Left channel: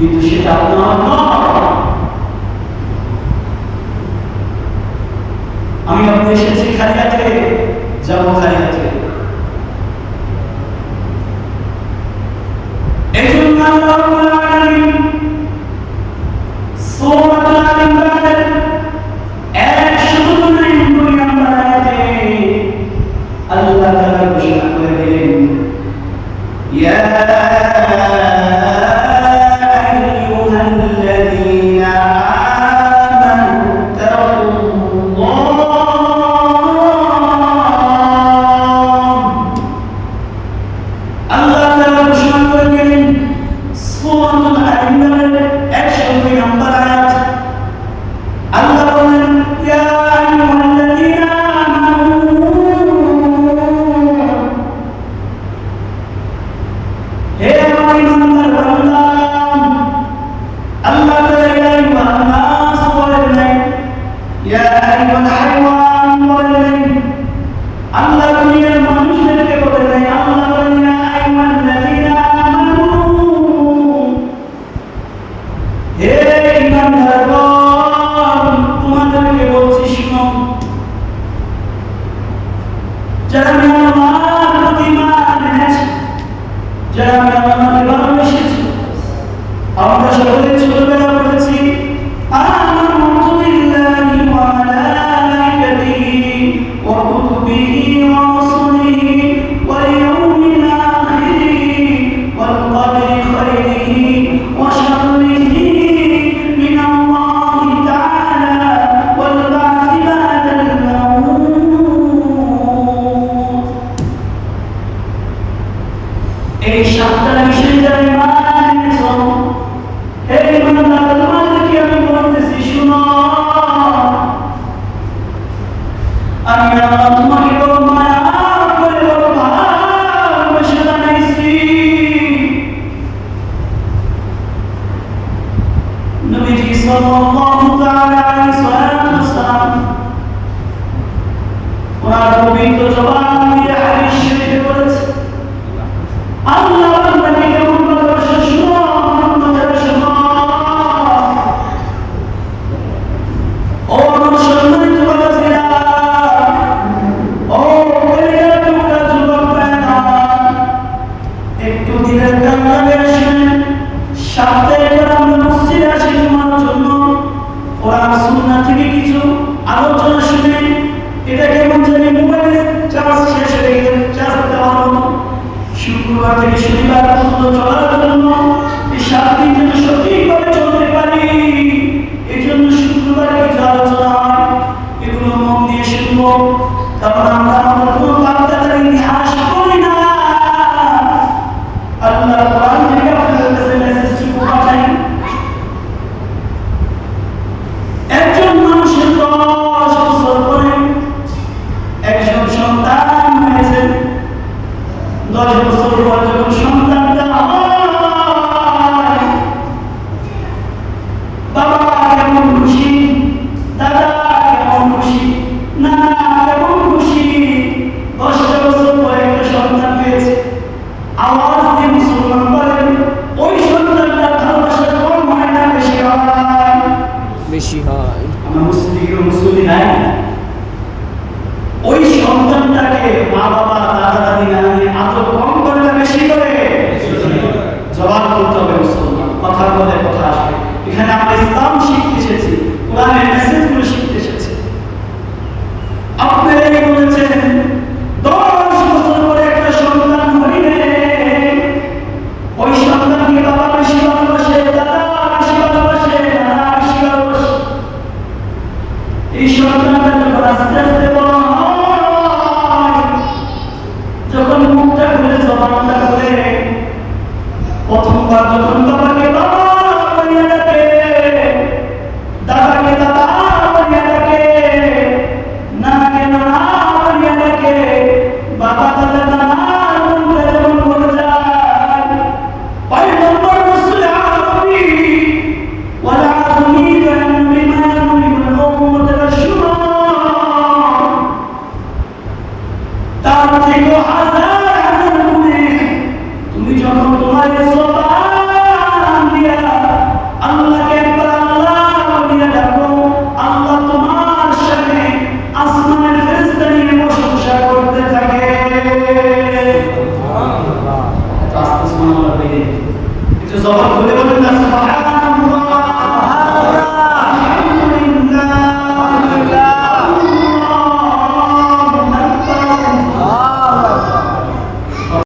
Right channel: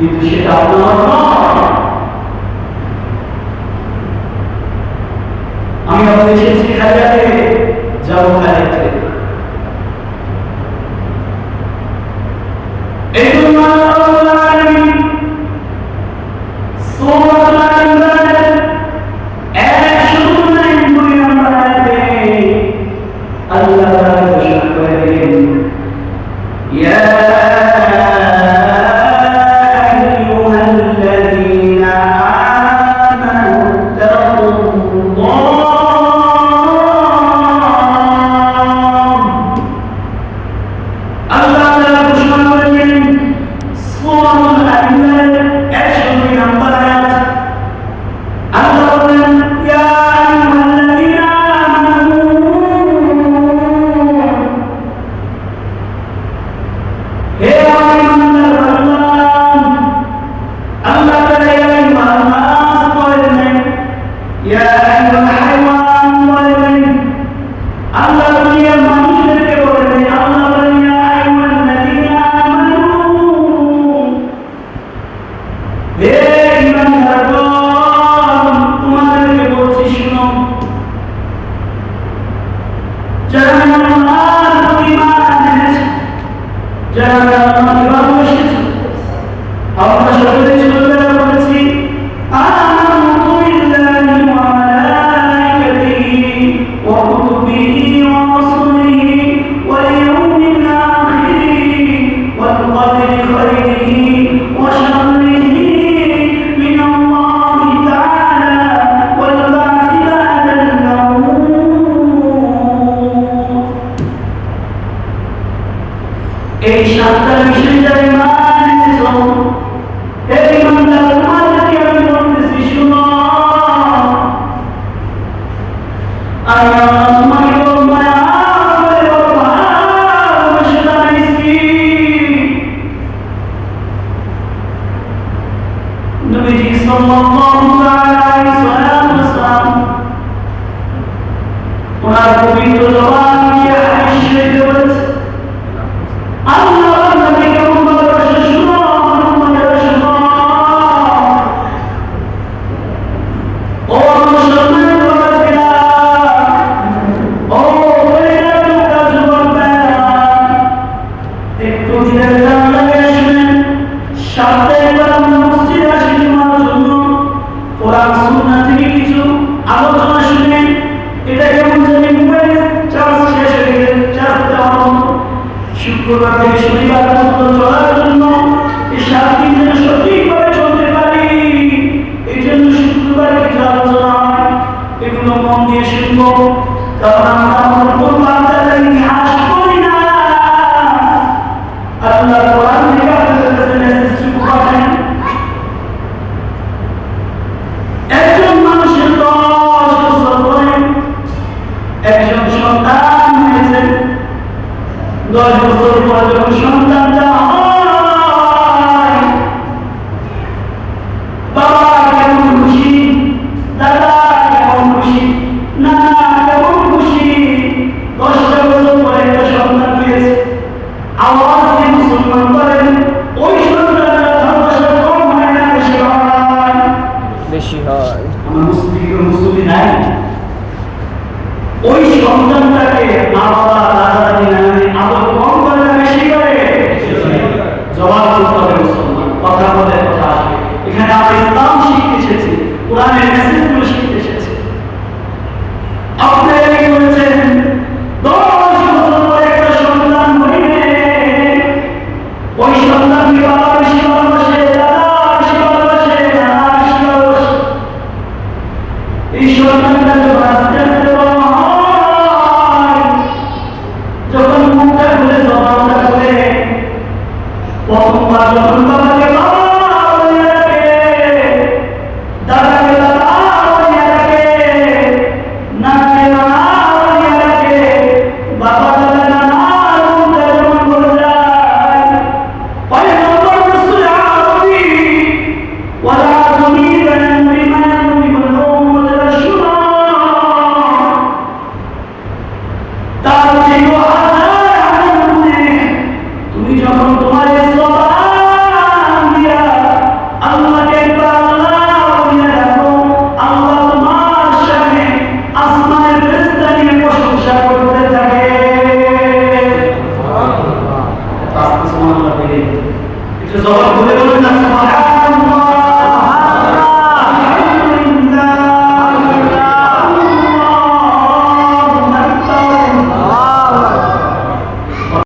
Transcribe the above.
কিন্তু সেটা আপনার নয়। আমি আপনি এসেছি খালিয়াতে, যাব খালিয়াতে। এই জন্য আল্লাহ রাব্বুল আলামিন সূরাতুল আনফাল 199 নম্বর আয়াতে আল্লাহ তাআলা ঘোষণা করে দিলেন, ইয়া এই সাতটা বিষয় যারা ঈমান এনেছো, এই ঈমানদার তোমাদেরকে আমি বলতেছি শুনো, আমি আল্লাহ তোমাকে বড় মায়া করে বড় ভালোবেসে বানাইছি। নবীজি সাল্লাল্লাহু তাআলা আলাইহি ওয়াসাল্লাম ওনার পবিত্র জবান দিয়ে হাদিস শরীফে বলেছে, আল্লাহ নবী কেমন ভালোবাসে শুনো, আমাদের শুনো। ও সম্মানিত বাবাজিরা, ও কলিজার টুকরা যুবক ভাইরা, একটু দিনের দাম লাগিয়ে শুনেন। সপ্তাহে একবার আমরা মসজিদে আসি জুমার জন্য, কোরআন সুন্নাহ থেকে কিছু আলোচনা শুনে এটা কেমন জানি মোবাইলে চার্জ শেষ হয়ে গেলে চার্জ দেওয়ার মতো। শুক্রবার থেকে শনিবার পর্যন্ত চলার জন্য এই 7 দিন যেন সঠিকভাবে চলতে পারি, এই জন্য শুক্রবার কিছু আলোচনা হয়, এগুলো মন দিয়ে শুনবো। কারণ আমরা আমাদের কোন বার্তার ইতিহাস করি না। আল্লাহ কোরআন থেকে আপনাদের কাছে মেসেজটুকু পাঠাই। একজন মানুষের 10 বছর পরে একজন সন্তান হয়েছে। 10 বছর পরে যখন সন্তানটা হয়, বাবা কেমন খুশি, দাদা কেমন খুশি, নানা কেমন খুশি। 10টা বছর পরে একটা সন্তান হয়েছে। আওয়াজ দিয়ে মুসলমান বলেন, ওই সন্তানটার ভালোবাসা কম হয় না বেশি হয়? বেশি হয়। আমার মুসলিম নাই। ওই সন্তানটাকে মা বাবা দাদা দাদি নানি আদর কম করে না বেশি করে? জবাব করতে হবে মুসলমান, কথা বলে কথা আসবে। এখানে আমরা ইসলাম শিখতে এসেছি, কোরআনের মেসেজগুলো শিখতে এসেছি। আপনারা কি বলেছেন 10 বছর পরে একটা সন্তান হইলে ওই সন্তানকে বাবা বেশি ভালোবাসে, দাদা বেশি ভালোবাসে, নানা বেশি ভালোবাসে। এই সন্তানটা যখন আস্তে আস্তে বড় হয়, যখন মুখটা খুলে জবানটা খুলে, প্রথমবার যখন বাবাকে বাবা বলে ডাকে, দাদাকে দাদা বলে ডাকে, নানাকে নানা বলে ডাকে, বাবা দাদা নানা মনটা যেমন ভরে যায়। পয়গম্বর রাসূল আরবি ওয়ালা যমিদান বিমা ইয়ানবি বিল উম্মাতির শুরা, তার থেকে হাজার হাজার গুণে তুমি যখন তোমার জবান দিয়া আস্তে সুবহানাল্লাহ বলে একটু জবান খুলে বলুন না সুবহানাল্লাহ